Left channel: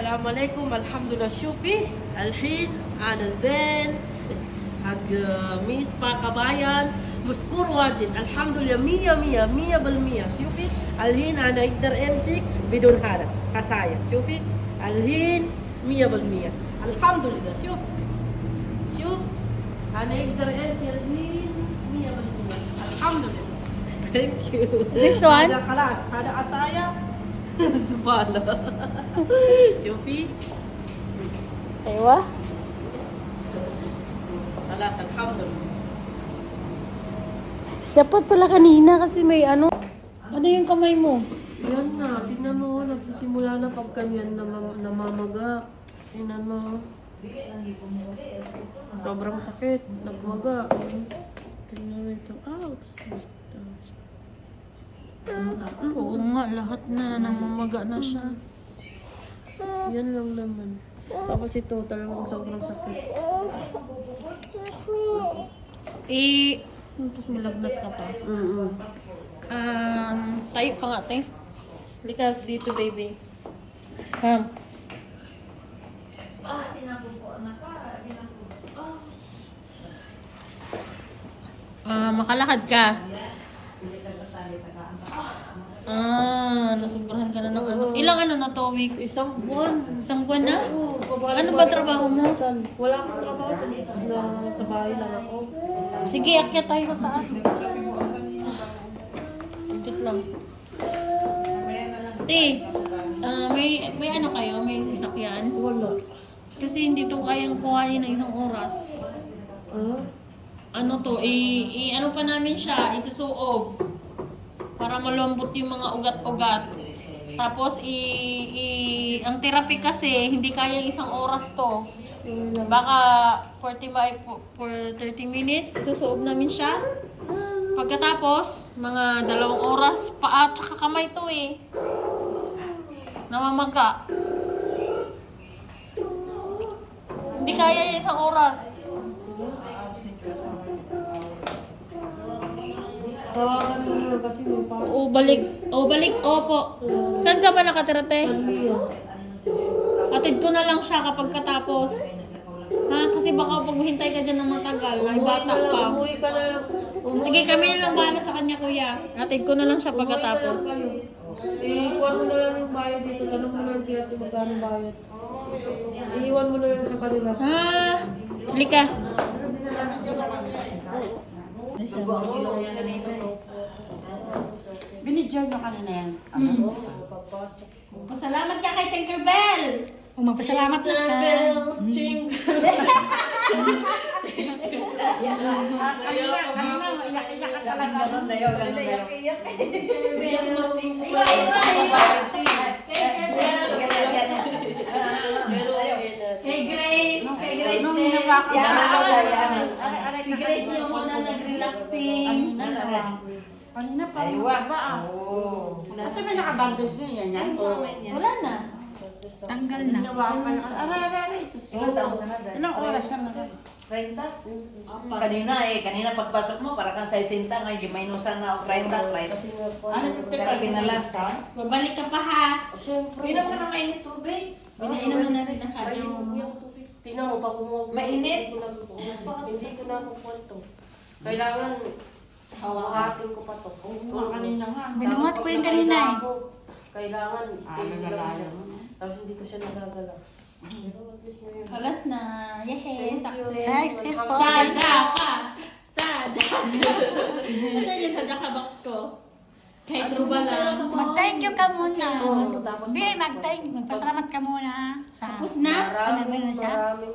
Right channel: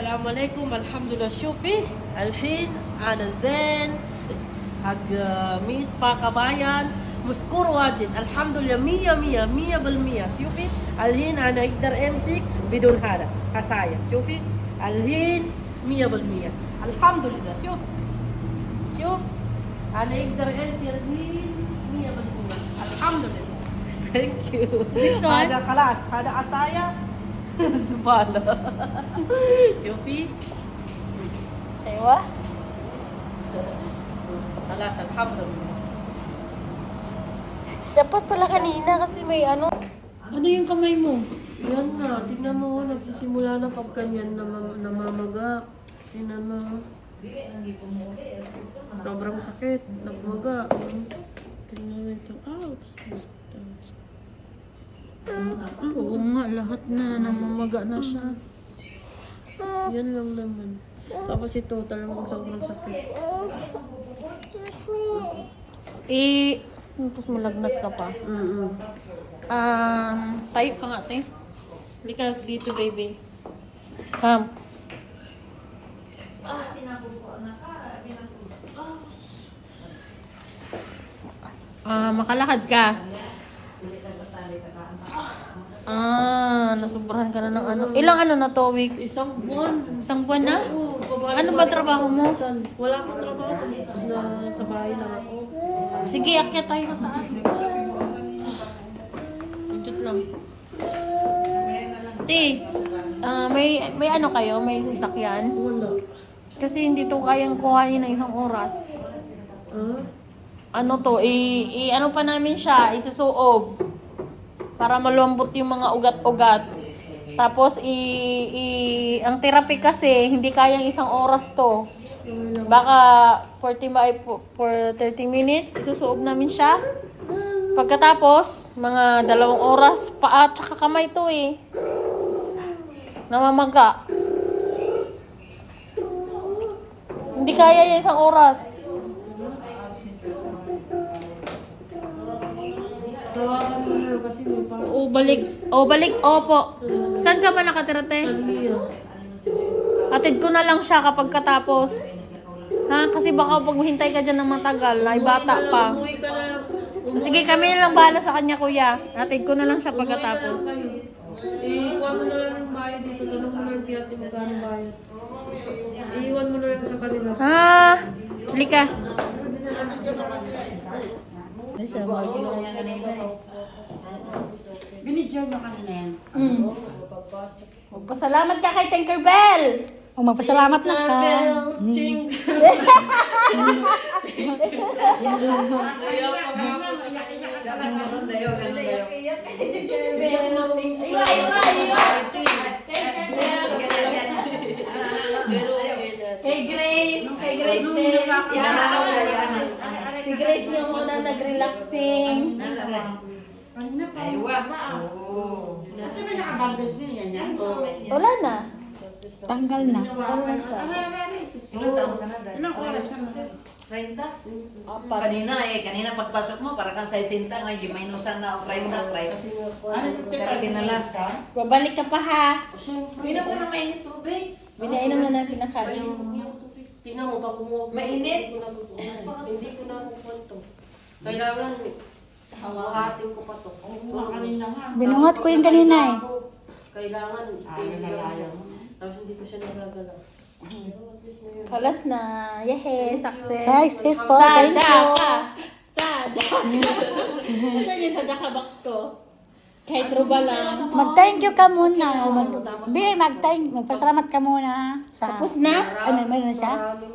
السلام عليكم. الحمد لله. شوفي الحين أنا زين حق ميس باكابايان مشكور واجد. الحمد لله 100%. شوفي الحين أنا أقدر أمسك بدون هذا حسايا. شوفي الحين 100%. الحمد لله. شوف أنا أقدر أمسك الحين 100%. الحمد لله. Thank you. This one? هذا خلاص هذا عصايا زبالة. شوفي Aywa. خلاص الحمد لله. Dapat pala kanina kasi may ano. Ano yung kamay mo? Yan na, tingnan mo, nagsisimula na pag ganyan namamaga. Tingnan mo. Sobrang sakit, nagmaga. Tingnan mo ito. Ouch! Oo nga, lahat na namamaga na siya. Yan lang naman. Tapos ito, talagang sobrang sakit. Tapos malagnat ka pa. Mm-mm. Tayo ka nga, te. Halika dito, baby. Come. Makalakad ka. Nasubrahan ka na ng ano. Ilang ano na to, week? Isang buwan. Isang buwan na? Oo, Ano ba trabaho mo? Wala akong trabaho. Sa bahay lang ako. Sige, akyat tayo sa taas. Legit lang. Te, may ano kayo? May sasakyan? Wala. Kasi hindi to kayang kuhain ng isang oras. Ano to, ano pa namin siya, isusuob. Para malambot yung mga ugat-ugat. Tapos, ang therapy kasi, hindi kayang isang oras to. Baka 30 minutes, isusuob namin siya. Pagkatapos, mga 2 oras, paa at saka kamay to eh. Namamaga. Hindi kaya yung isang oras. Tawagan mo na kasi may pasok. Balik. Opo. Saan ka ba nakatira, te? Saliya. Atid ko na lang siya kapag katapos. Ha? Kasi baka pag hintay ka dyan ng matagal, ay bata pa. Umuwi ka na lang. Sige, kami na lang bahala sa kanya, kuya. Atid ko na lang siya pagkatapos. Iwan mo na lang yung bayad dito. Tanong mo na lang kaya magkano bayad. Iwan mo na lang sa kanila. Halika. Binidyo nyo kanina yan. Pasalamat ka kay Tinkerbell. Magpasalamat lang ka. Ching! Kay Grace. Si Grace yung una nag-relaxing. Kanina pa yung ba? Kasi may nakabandage niya yan. Wala na. Tanggal na. Aray. Ilang oras na na? 30? Kanina pagpasok mo, para kang 60, ngayon di minusan na o 30. Pero kinala. Babalik ka pa ha. Siyempre. Inom mo ng mainit tubig. Binainom na natin ang kanin. Tingnan mo, pag umuwi. Mainit? Hindi ko na kukwento. Kailangan hawahatin ko pa to. Kanina nga. Binungot ko yung kanina eh. Kailangan stay lang siya. Tapos hindi ko siya nagagalaw. Kalas na. Yehey, success. Success po, thank Sada you. ka. Sada. Asan yung sada ka box ko? Kahit ruba lang. Mag-thank you ka muna. Tapos Magpasalamat ka muna. Tapos na?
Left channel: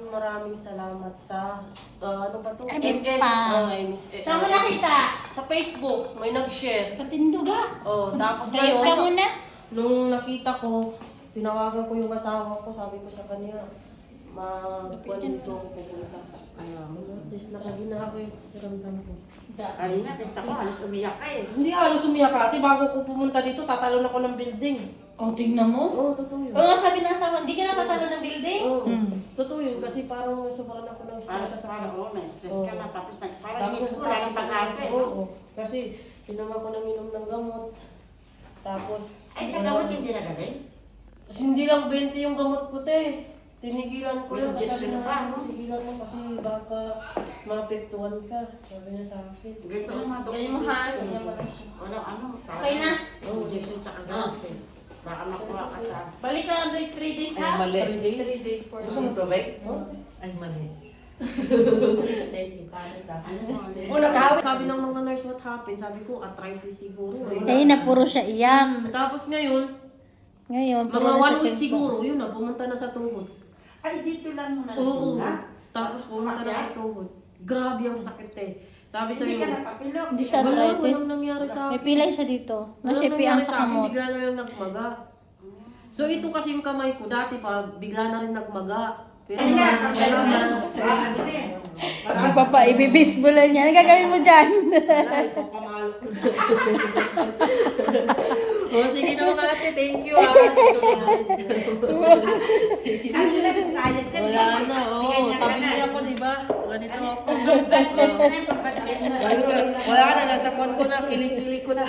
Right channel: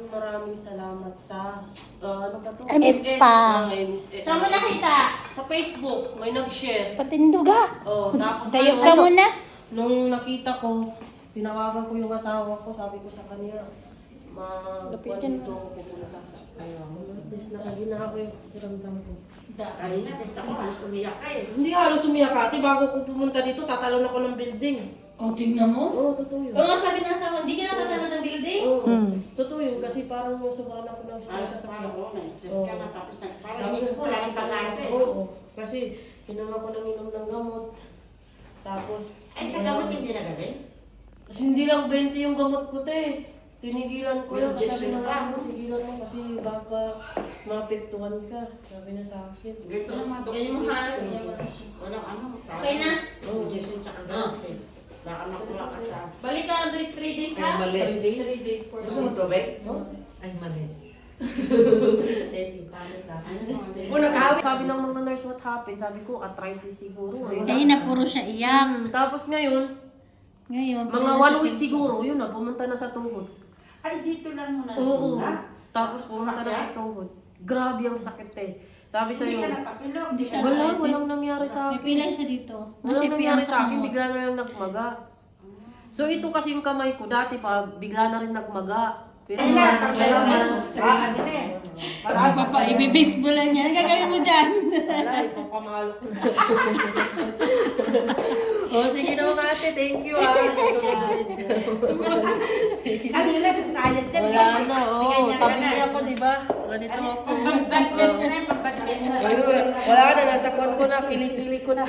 Maraming salamat sa ano ba to? MS pa. MS. Saan mo nakita? Sa Facebook, may nag-share. Patinduga. Oh, tapos Gayot ka muna. nung nakita ko, tinawagan ko yung asawa ko, sabi ko sa kanya, dito ako pupunta. At least nakagina ako yung ramdam ko. Kanina, kita ko, halos umiyak ka eh. Hindi halos umiyak ate, bago ko pumunta dito, tatalon ako ng building. Tingnan mo. Oo, totoo yun. Oo, sabi ng asawa, hindi ka natatalo ng building? Oo, totoo yun, kasi parang sobrang ako ng Parang stress sa sa ano, na-stress ka na, tapos parang Tapos inis mo, lalang pag-asa eh. Oo, kasi inom ako ng inom ng gamot. Tapos, Ay, sa gamot hindi nagaling? Kasi hindi lang 20 yung gamot ko, te. Tinigilan ko lang. May Sabi injection na ka, nga, tigilan mo kasi baka maapektuhan ka. Sabi niya sa akin. Ganito yung mga Ganyan mo ha. Ganyan mo lang siya. Walang ano. Okay na? Injection sa gamot eh. Baka makuha ka sa... Balik ka na 3 days Ay, ha? mali. 3 days for Gusto mo tubig? Oh, Ay, mali. thank you, kalit na. Una ka. Sabi ng mga nurse, what happened? Sabi ko, arthritis siguro eh. Eh, na puro siya iyak. Tapos ngayon, Ngayon, mga puro 1 siya week siguro, yun na, pumunta na sa tuhod. Ay, dito lang muna. Oo. Ha? Tapos pumunta na sa tuhod. Grabe ang sakit eh. Sabi Hindi sa'yo, ka natapilok. Hindi siya wala, arthritis. walang nangyari sa May akin. pilay siya dito. Walang Nasipi nangyari ang sa akin, kamot. bigla na lang nagmaga. So ito kasi yung kamay ko, dati pa, bigla na rin nagmaga. Pero Ay nga, maraming kasi salamat. ano na eh. Ay, papa, ibibisbol lang yan. Ano gagawin mo dyan? Wala, ipapamalo ko. Oh, sige na mga ate, thank you ah. Kanina sa sayad dyan. Wala na, oh. Tabi niya ako, di ba? Ganito ako. Pagbatid na, pagbatid na. Wala na, nasa kwan ko na, kilig-kilig ko na.